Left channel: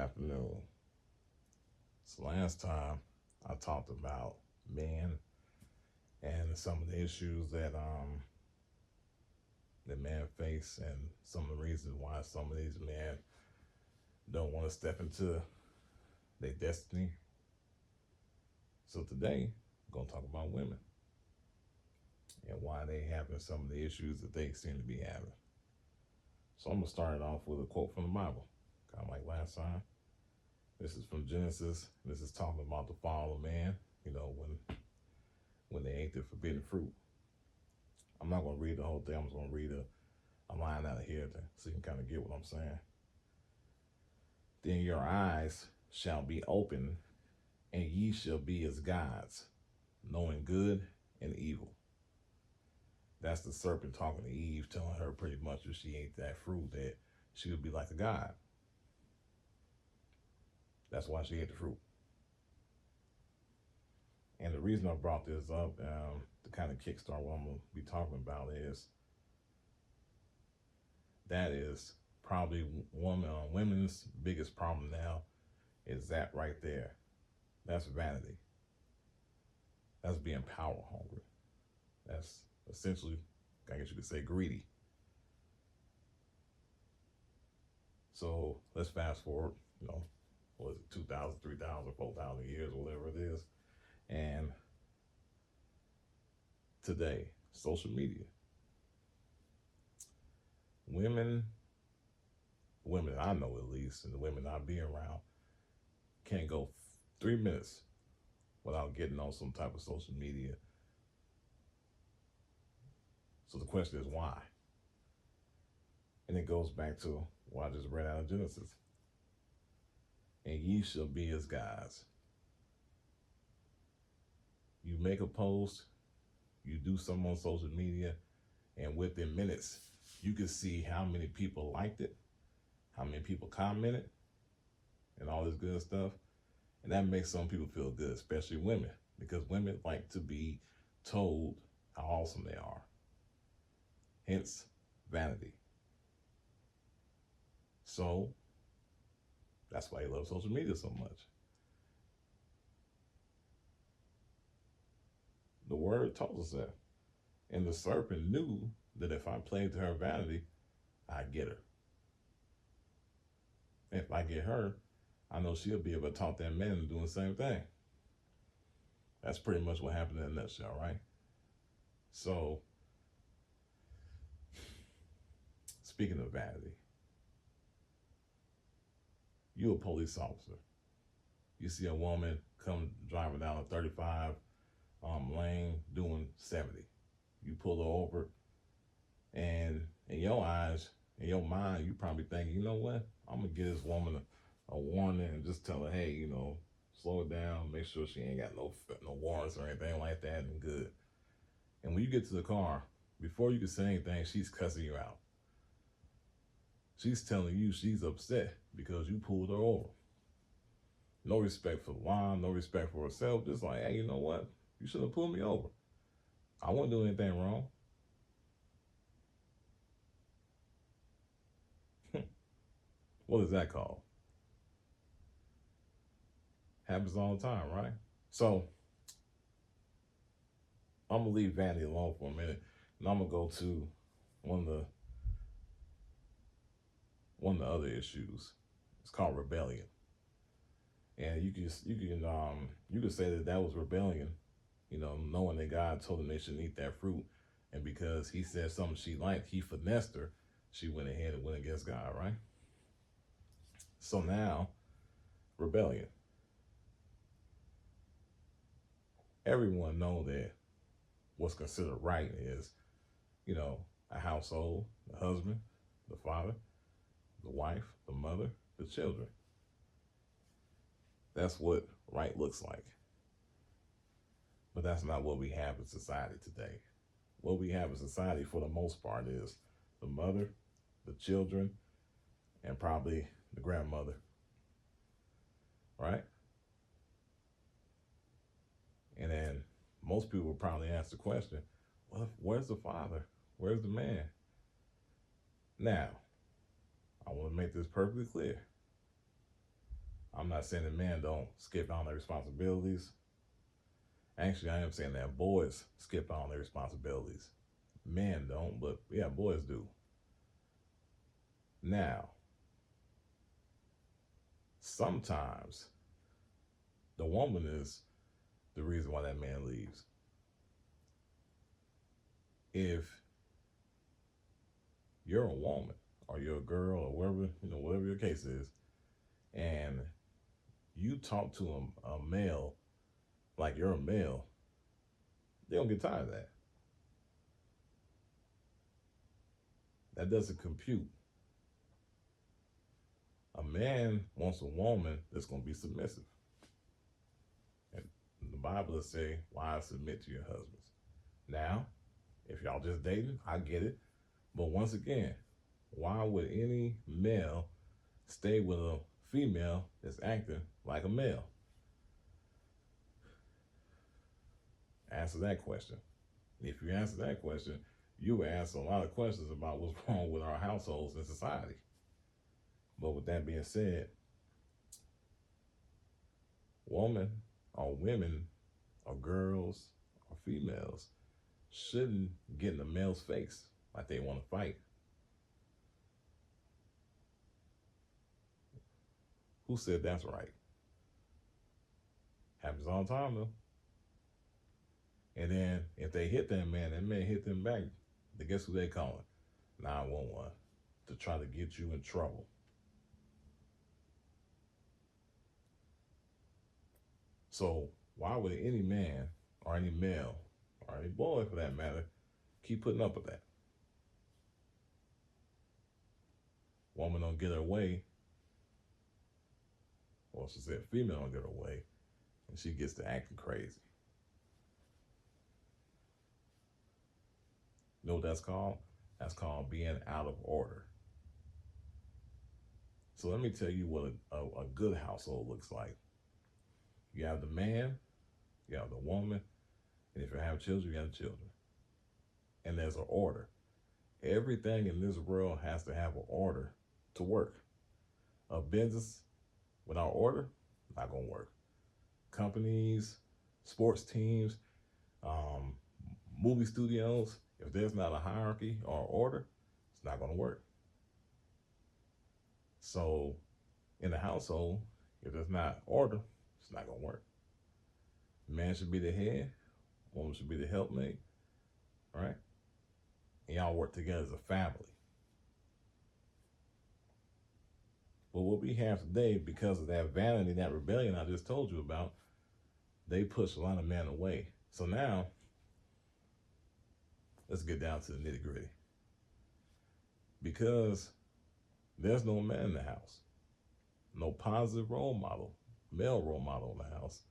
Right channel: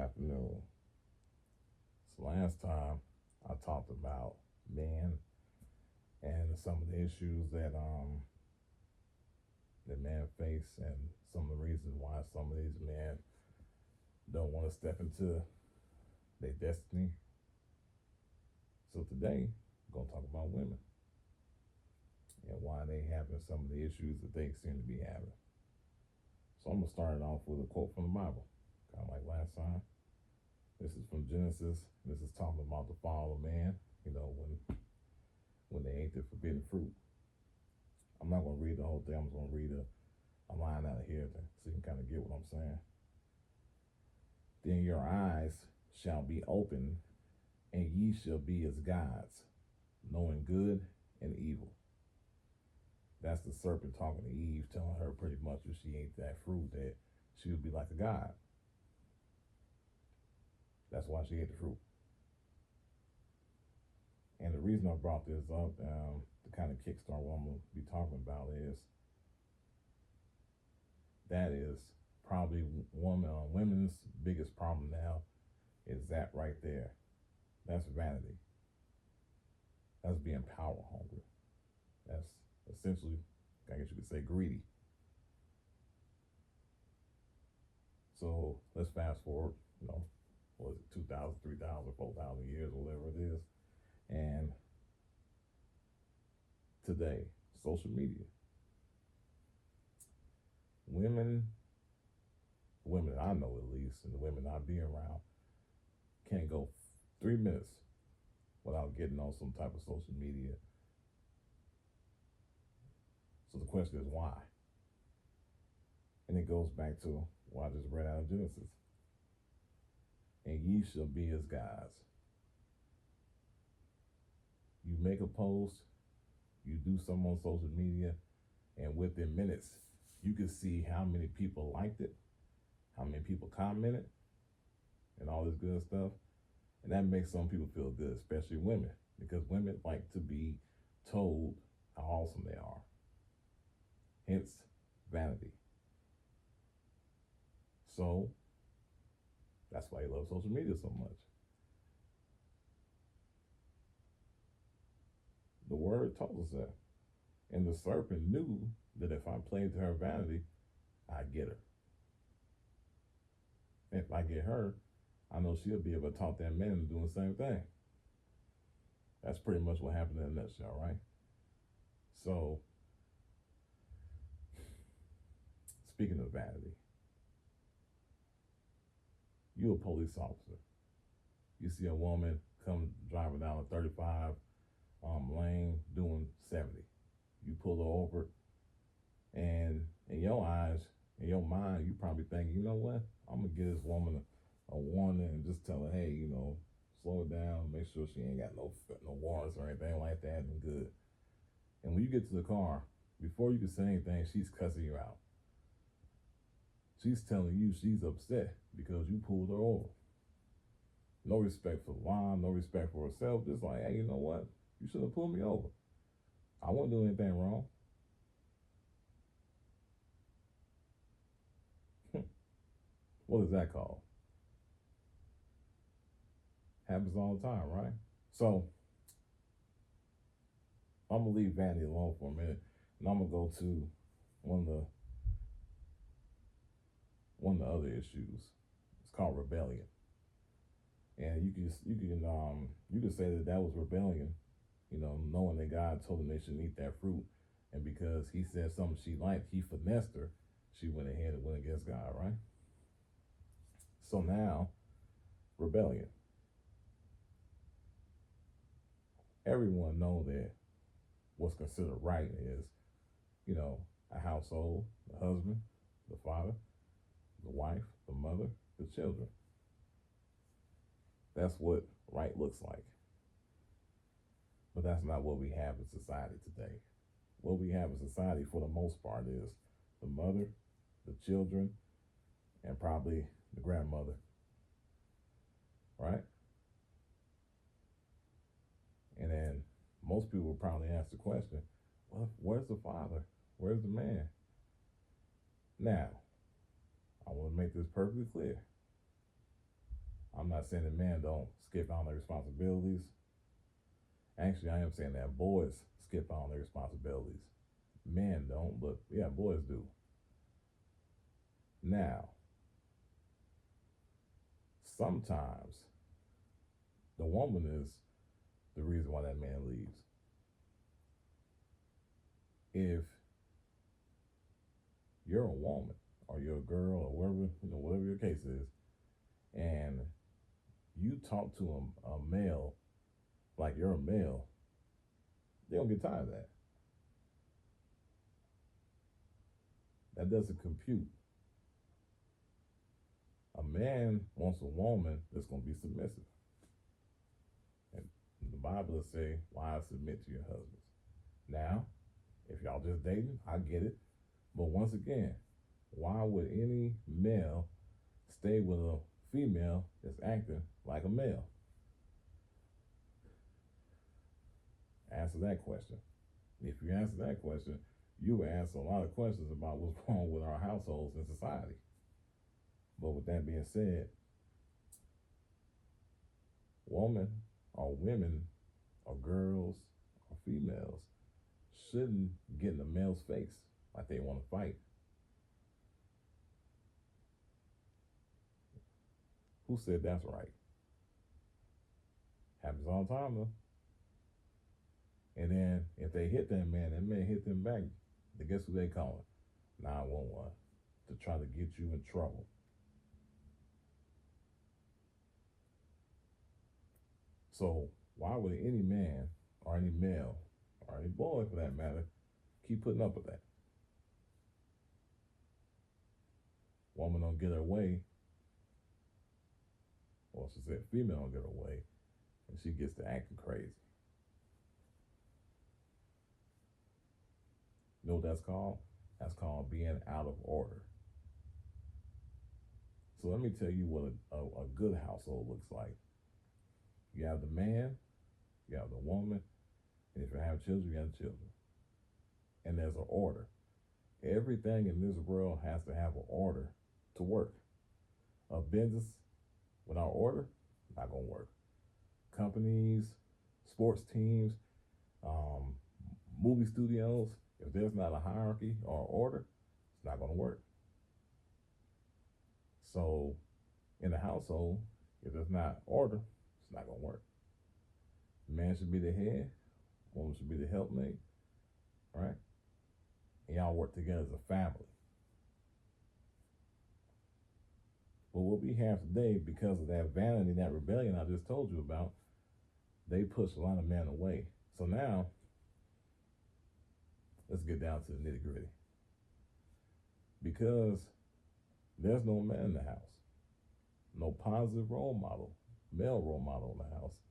afternoon. So last time I talked about men and some of the issues that men face and some of the reasons why some of these men don't want to step into their destiny. So today we're gonna talk about women and why they having some of the issues that they seem to be having. So I'm gonna start it off with a quote from the Bible, kind of like last time. This is from Genesis. This is talking about the fall of man. You know, when they ate the forbidden fruit. I'm not gonna read the whole thing. I'm just gonna read a line out of here so you can kind of get what I'm saying. Then your eyes shall be open, and ye shall be as gods, knowing good and evil. That's the serpent talking to Eve, telling her pretty much if she ate that fruit that she would be like a god. That's why she ate the fruit. And the reason I brought this up to kind of kickstart what I'm going to be talking about is that is probably women's biggest problem now is that right there. That's vanity. That's being power hungry. That's essentially, I guess you could say, greedy. So let's fast forward, what is it, 2,000, 3,000, 4,000 years, whatever it is. And today, social media. Women I know at least, and the women I be around, can't go 3 minutes without getting on some type of social media. So the question is why? And it goes back to what I just read out of Genesis. And ye shall be as gods. You make a post, you do something on social media, and within minutes, you can see how many people liked it, how many people commented, and all this good stuff. And that makes some people feel good, especially women, because women like to be told how awesome they are. Hence, vanity. So, that's why they love social media so much. The word tells us that. And the serpent knew that if I played to her vanity, I'd get her. If I get her, I know she'll be able to talk that man into doing the same thing. That's pretty much what happened in a nutshell, right? So, speaking of vanity, you're a police officer. You see a woman come driving down a 35 lane doing 70. You pull her over, and in your eyes, in your mind, you probably think, you know what? I'm gonna give this woman a warning and just tell her, hey, slow it down, make sure she ain't got no warrants or anything like that, and good. And when you get to the car, before you can say anything, she's cussing you out. She's telling you she's upset because you pulled her over. No respect for the law, no respect for herself. Just like, hey, you know what? You should have pulled me over. I wouldn't do anything wrong. What is that called? Happens all the time, right? So, I'm going to leave vanity alone for a minute, and I'm going to go to one of the other issues. It's called rebellion. And you can say that was rebellion, knowing that God told them they shouldn't eat that fruit, and because he said something she liked, he finessed her, she went ahead and went against God, right? So now, rebellion. Everyone know that what's considered right is, a household, the husband, the father, the wife, the mother, the children. That's what right looks like. But that's not what we have in society today. What we have in society for the most part is the mother, the children, and probably the grandmother. Right? And then most people would probably ask the question, well, where's the father? Where's the man? Now, I want to make this perfectly clear. I'm not saying that men don't skip out on their responsibilities. Actually, I am saying that boys skip out on their responsibilities. Men don't, but yeah, boys do. Now, sometimes the woman is the reason why that man leaves. If you're a woman or you're a girl or whatever, whatever your case is, and you talk to a male like you're a male, they don't get tired of that. That doesn't compute. A man wants a woman that's going to be submissive. And the Bible will say, wives, submit to your husbands. Now, if y'all just dating, I get it. But once again, why would any male stay with a female that's acting like a male? Answer that question. If you answer that question, you will answer a lot of questions about what's wrong with our households and society. But with that being said, women or women or girls or females shouldn't get in a male's face like they want to fight. Who said that's right? Happens all the time though. And then if they hit that man hit them back. Then guess who they calling? 911 to try to get you in trouble. So why would any man or any male or any boy for that matter keep putting up with that? Woman don't get her way, or she said female don't get her way, and she gets to acting crazy. You know what that's called? That's called being out of order. So let me tell you what a good household looks like. You have the man, you have the woman, and if you have children, you have the children. And there's an order. Everything in this world has to have an order to work. A business without order, not gonna work. Companies, sports teams, movie studios, if there's not a hierarchy or order, it's not gonna work. So in a household, if there's not order, it's not gonna work. Man should be the head, woman should be the helpmate, right? And y'all work together as a family. But what we have today, because of that vanity, that rebellion I just told you about, they push a lot of men away. So now, let's get down to the nitty gritty. Because there's no man in the house, no positive role model, male role model in the house.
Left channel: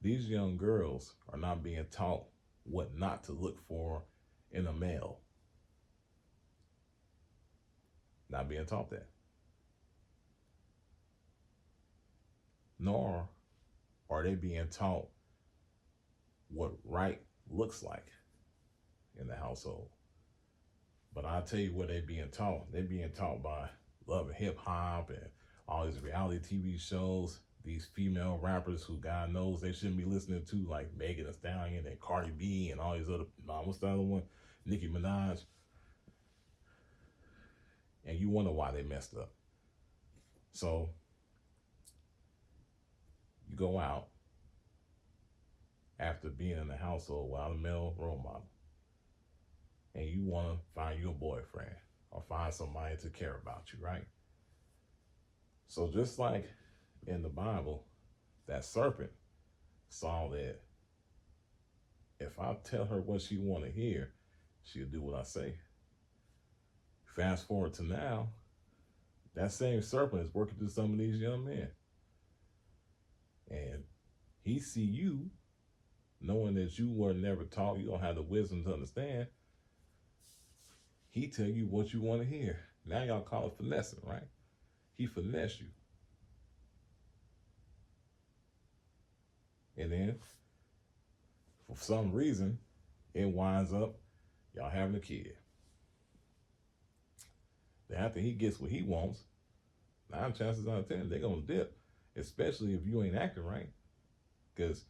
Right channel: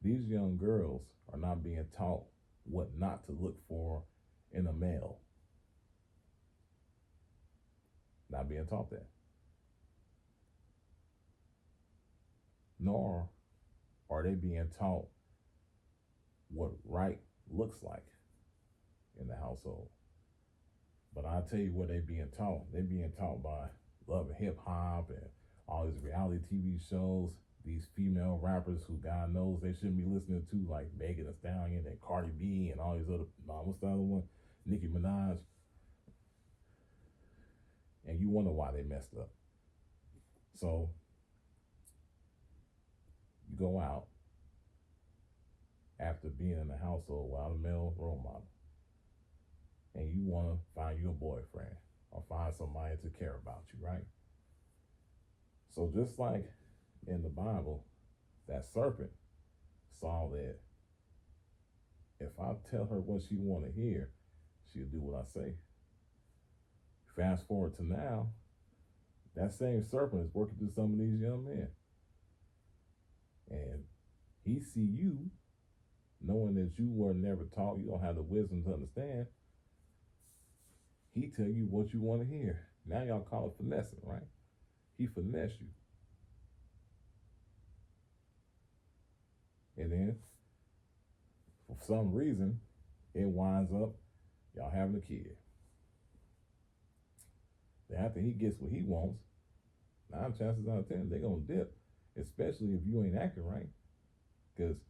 These young girls are not being taught what not to look for in a male. Not being taught that. Nor are they being taught what right looks like in the household. But I'll tell you what they're being taught. They're being taught by Love and Hip Hop and all these reality TV shows, these female rappers who God knows they shouldn't be listening to, like Megan Thee Stallion and Cardi B and all these other, what's the other one? Nicki Minaj. And you wonder why they messed up. So you go out after being in a household without a male role model, and you want to find you a boyfriend or find somebody to care about you, right? So just like in the Bible, that serpent saw that if I tell her what she want to hear, she'll do what I say. Fast forward to now, that same serpent is working through some of these young men. And he see you, knowing that you were never taught, you don't have the wisdom to understand. He tell you what you want to hear. Now y'all call it finessing, right? He finesse you. And then, for some reason, it winds up y'all having a kid. Then after he gets what he wants, 9 chances out of 10, they're going to dip. especially if you ain't acting right, because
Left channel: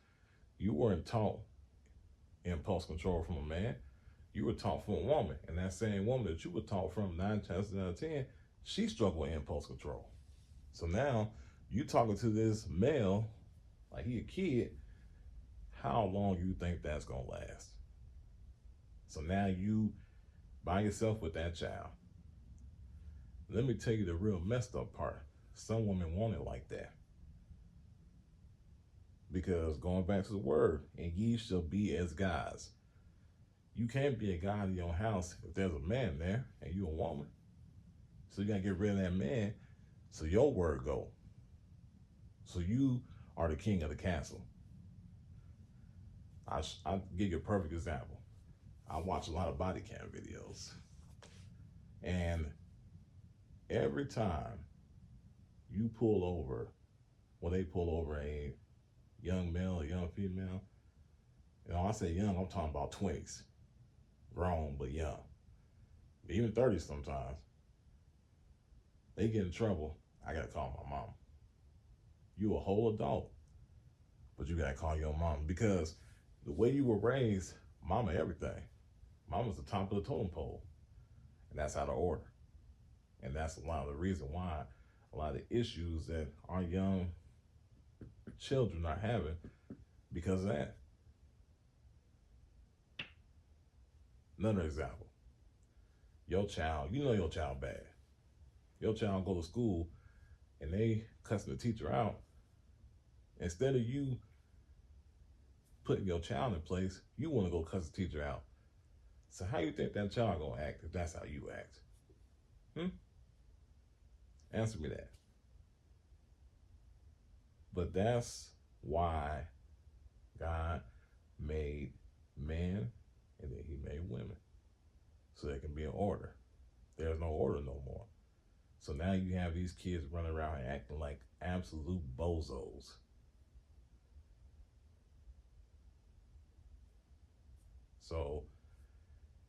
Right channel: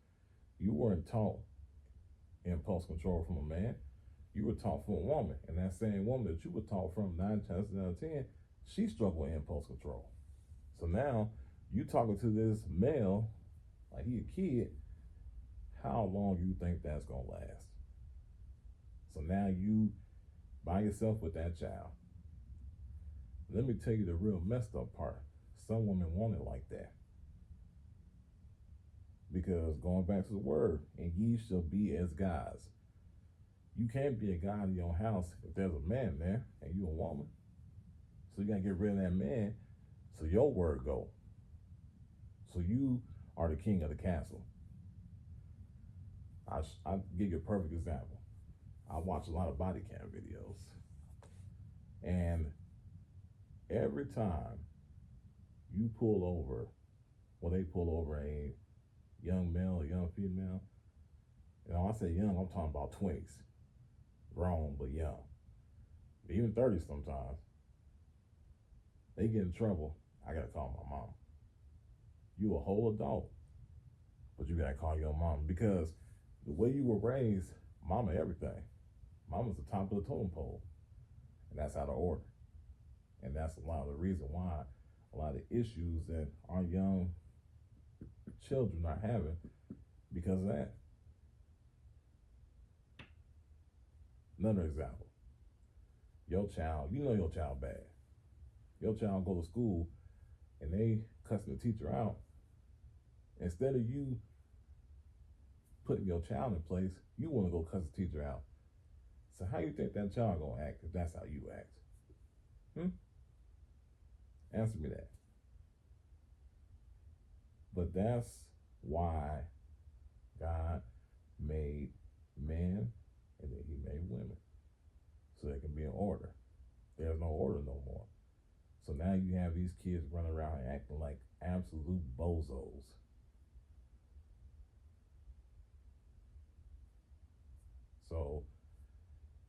you weren't taught impulse control from a man. You were taught from a woman, and that same woman that you were taught from 9 times out of 10, she struggled with impulse control. So now you talking to this male like he a kid. How long you think that's gonna last? So now you by yourself with that child. Let me tell you the real messed up part. Some women want it like that. Because going back to the word, and ye shall be as gods. You can't be a god in your house if there's a man there and you a woman. So you gotta get rid of that man so your word go. So you are the king of the castle. I'll give you a perfect example. I watch a lot of body cam videos. And every time you pull over, when they pull over a young male or young female, I say young, I'm talking about 20s. Grown, but young. Even 30s sometimes. They get in trouble, I gotta call my mom. You a whole adult, but you gotta call your mom because the way you were raised, mama everything. Mama's the top of the totem pole. And that's out of order. And that's a lot of the reason why a lot of the issues that our young children are having because of that. Another example. Your child, you know your child bad. Your child go to school and they cussing the teacher out. Instead of you putting your child in place, you want to go cuss the teacher out. So how you think that child gonna act if that's how you act? Answer me that. But that's why God made men and then he made women. So there can be an order. There's no order no more. So now you have these kids running around and acting like absolute bozos. So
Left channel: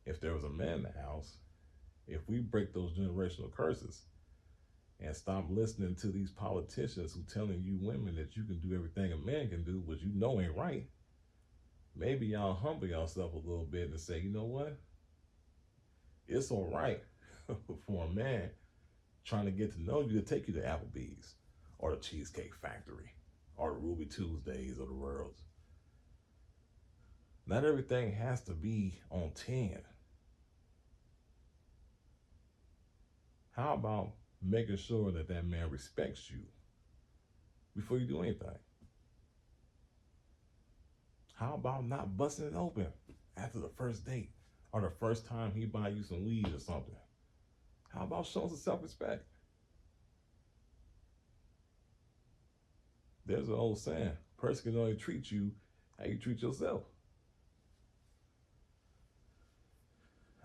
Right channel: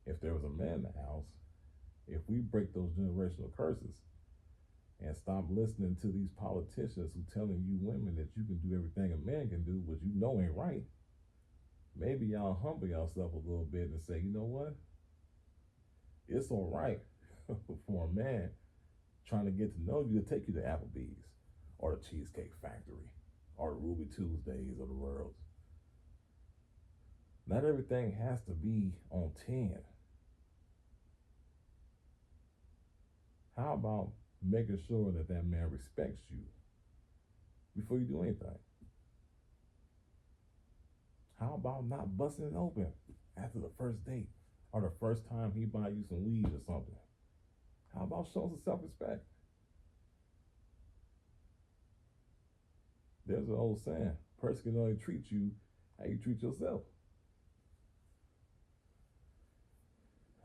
if there was a man in the house, if we break those generational curses and stop listening to these politicians who telling you women that you can do everything a man can do, which you know ain't right, maybe y'all humble yourself a little bit and say, you know what? It's all right for a man trying to get to know you to take you to Applebee's or the Cheesecake Factory or the Ruby Tuesdays of the world. Not everything has to be on 10. How about making sure that that man respects you before you do anything? How about not busting it open after the first date or the first time he buy you some weed or something? How about showing some self-respect? There's an old saying, person can only treat you how you treat yourself.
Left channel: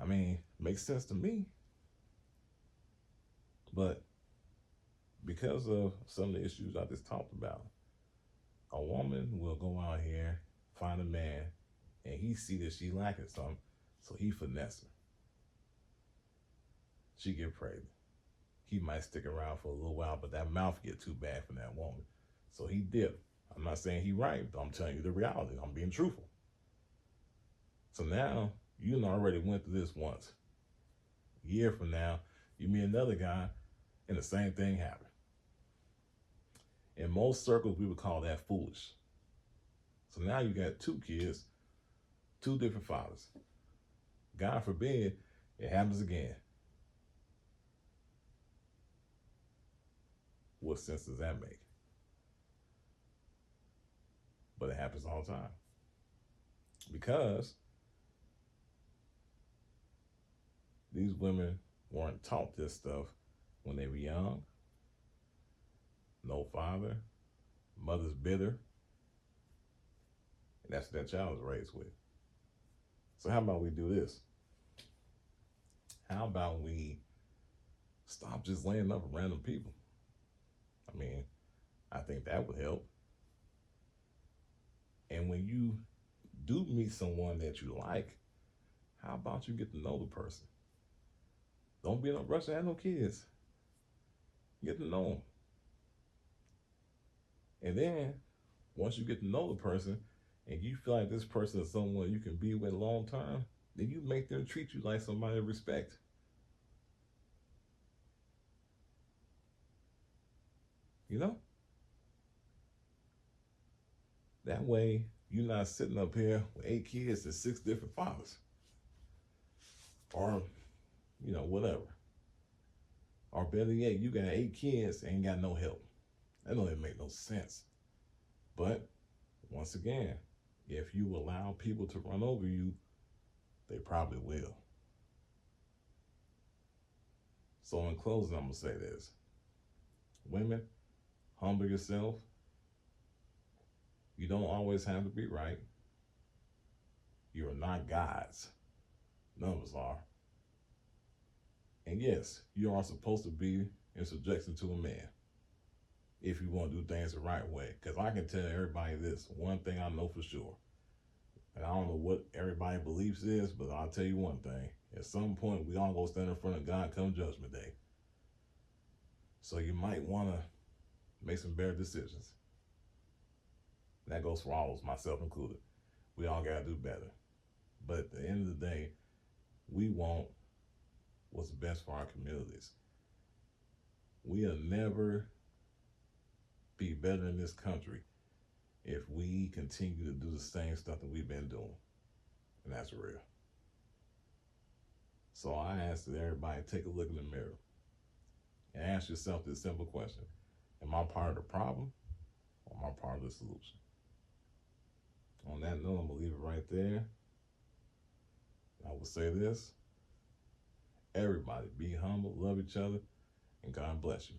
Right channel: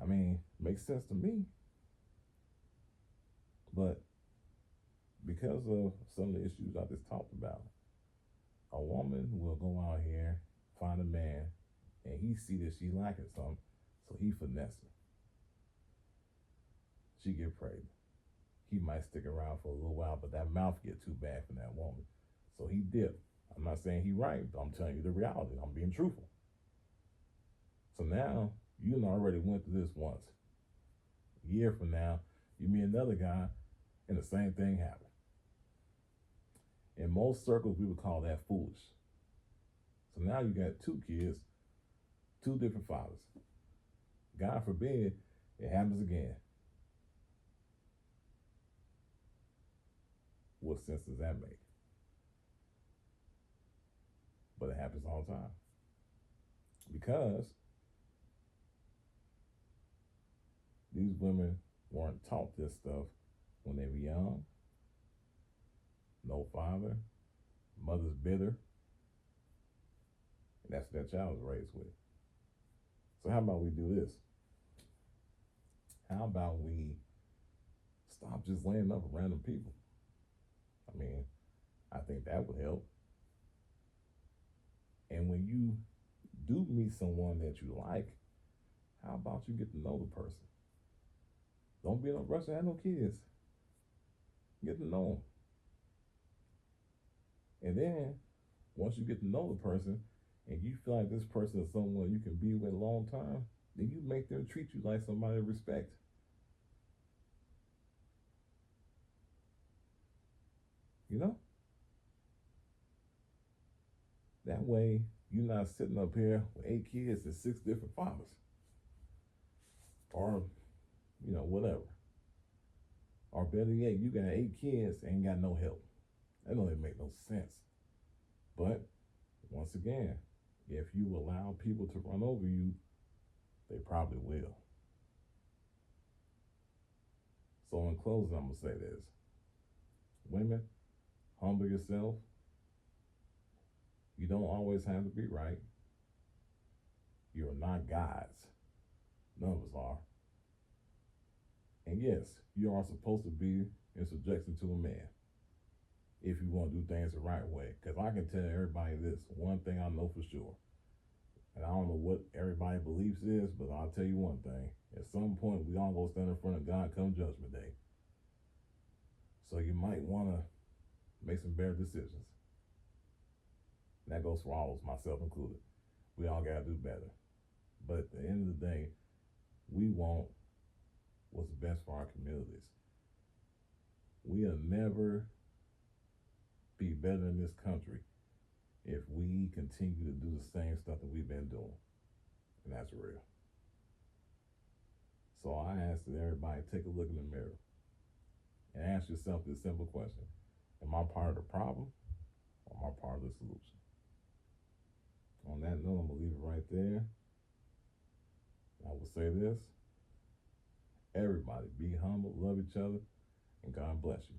I mean, makes sense to me. But because of some of the issues I just talked about, a woman will go out here, find a man, and he see that she lacking something, so he finesse her. She get pregnant. He might stick around for a little while, but that mouth get too bad for that woman. So he dip. I'm not saying he right, but I'm telling you the reality. I'm being truthful. So now, you already went through this once. A year from now, you meet another guy, and the same thing happened. In most circles, we would call that foolish. So now you got 2 kids, 2 different fathers. God forbid it happens again. What sense does that make? But it happens all the time. Because these women weren't taught this stuff when they were young. No father, mother's bitter. And that's what that child was raised with. So how about we do this? How about we stop just laying up with random people? I mean, I think that would help. And when you do meet someone that you like, how about you get to know the person? Don't be in a rush to have no kids. Get to know them. And then once you get to know the person and you feel like this person is someone you can be with long term, then you make them treat you like somebody to respect. You know? That way you're not sitting up here with 8 kids and 6 different fathers. Or, whatever. Or better yet, you got 8 kids and ain't got no help. That don't even make no sense. But once again, if you allow people to run over you, they probably will. So in closing, I'm gonna say this. Women, humble yourself. You don't always have to be right. You are not gods. None of us are. And yes, you are supposed to be in subjection to a man if you want to do things the right way. Because I can tell everybody this one thing I know for sure. And I don't know what everybody's beliefs is, but I'll tell you one thing. At some point, we all go stand in front of God come Judgment Day. So you might want to make some better decisions. That goes for all of us, myself included. We all got to do better. But at the end of the day, we want what's best for our communities. We'll never be better in this country if we continue to do the same stuff that we've been doing. And that's real. So I ask that everybody take a look in the mirror and ask yourself this simple question. Am I part of the problem or am I part of the solution? On that note, I'm going to leave it right there. I will say this. Everybody be humble, love each other, and God bless you.